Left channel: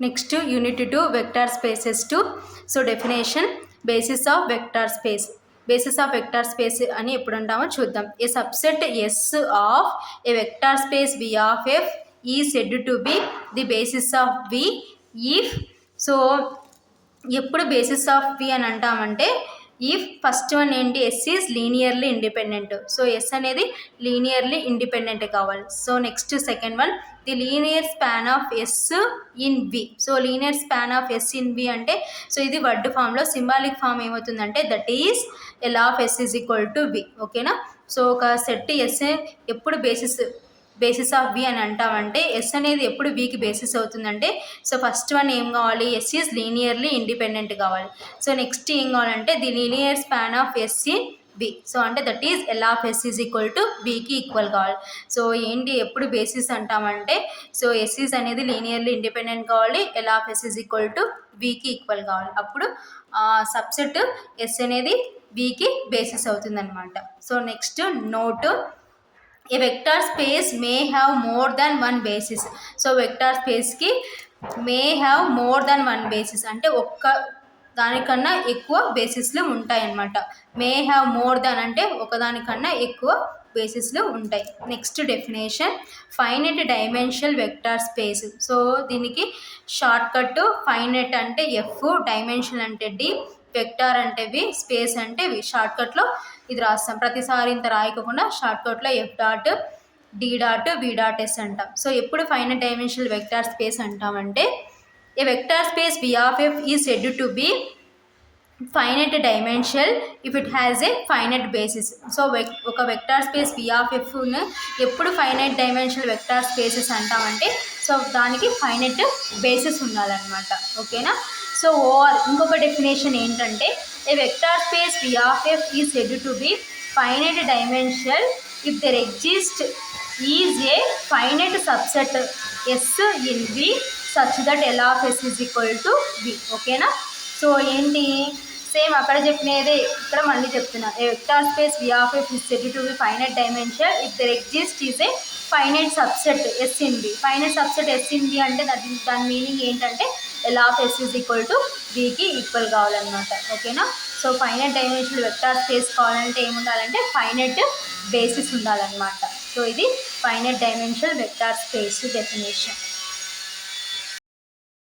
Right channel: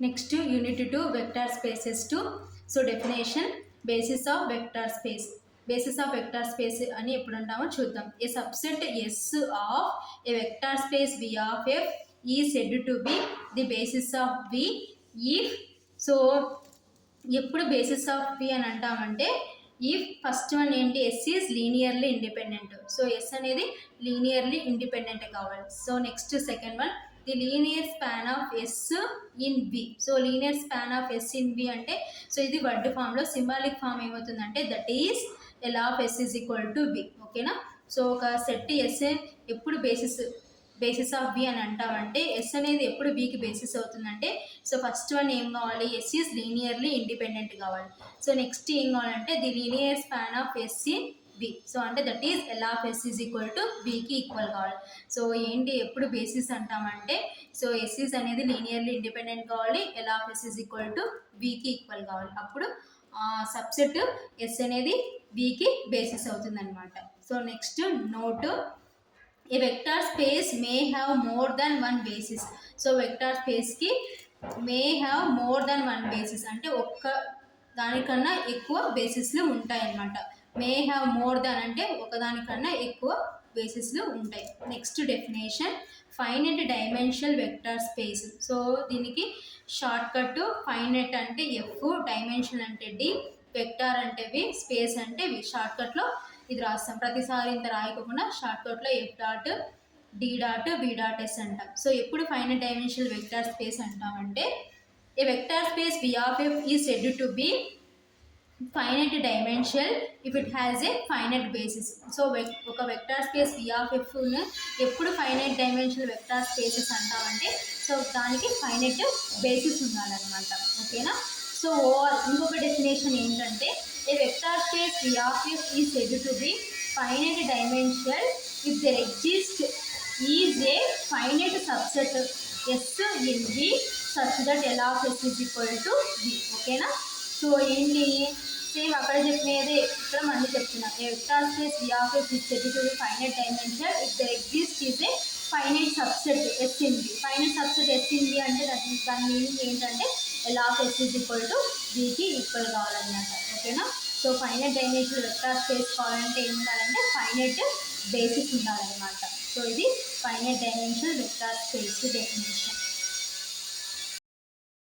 Next, unit 2, vector spaces 2. So definition, basis of vector space. Basis of vector space అని ఎప్పుడు అంటామో చూద్దాం. A subset S of a vector space V of F is said to be the basis of V if, so ఎప్పుడు basis of V అని అంటామంటే if first one ఏంటి, S is linearly independent. So S అనేది linearly independent కావాలి. So next second one, the linear span of S in V. So linear span of S in V అంటే, so ఇది word ఫామ్లో, symbolic form ఏమవుతుందంటే that is L of S is equal to V. ఓకేనా. So ఒక set S ఎప్పుడు basis of V అని అంటామంటే, yes అనేది ఎప్పుడు వికి బేసిస్ అవుతుందంటే, సో ఫస్ట్ వన్ ఏం కావాలి, ఎస్ ఈజ్ లీనియర్లీ ఇండిపెండెంట్ కావాలి. సో నెక్స్ట్ ఏం కావాలంటే the linear span of S in V. So అంటే that is L of S is equal to వికి ఈక్వల్ కావాలి. సో ఏంటి ఎప్పుడు బేసిస్ అంటామంటే, సో ఎస్ ఈజ్ అనేది లీనియర్లీ ఇండిపెండెంట్ కావాలి, L of S is equal to వికి ఈక్వల్ కావాలి. అప్పుడు సబ్సెట్ ఎస్ అనేది వికి బేసిస్ అవుతుంది అనమాట. So next note, a vector space may have more than one basis. So vector స్పేస్కి may have more than one basis అంటే ఒక్క దానికన్నా ఎక్కువ బేసిస్లు ఉంటాయన్నమాట. మే హ్యావ్ మోర్ దాన్ అంటే ఒకదానికన్నా ఎక్కువ బేసిస్లు ఉంటాయి. Next definition, finite dimensional vector space. So దీనికి షార్ట్ కట్, ఫైనైట్ అంటే ఎఫ్, డైమెన్షన్ అంటే డి, వెక్టార్ అంటే వి, స్పేస్ అంటే వి. షార్ట్కట్లో ఇది రాస్తాం, ప్రతిసారి ఇంత రాయకుండా షార్ట్కట్లో F dot D dot V dot S అంటాం. సో ఎప్పుడు ఫైనైట్ డైమెన్షనల్ వెక్టార్ స్పేస్ అంటామంటే, a vector space V of F is said to be finite dimensional if it has a finite basis. So ఒక vector space V of ఎఫ్ను ఎప్పుడు finite dimensional vector spaces అంటామంటే, so దానికి finite basis ఉండాలన్నమాట. ఓకేనా. So or ఇంకొక definition ఏంటంటే, a vector space V of F is said to be finite dimensional if there exist is a finite subset S in V such that L of S is equal to V. ఓకేనా. So ఏంటి, same అక్కడ చెప్పినదే ఇక్కడ మళ్ళీ చెప్తున్నా. A vector space V of F is said to be finite dimensional if there exist is a finite subset S in V. Finite subset S in V అంటే దాని meaning ఏంటంటే L of S is equal to వికి equal కావాలన్నమాట. ఓకేనా. So finite dimensional vector space కావాలంటే ఏముండాలంటే finite basis ఉండాలన్నమాట. So ఇది finite dimensional vector space definition.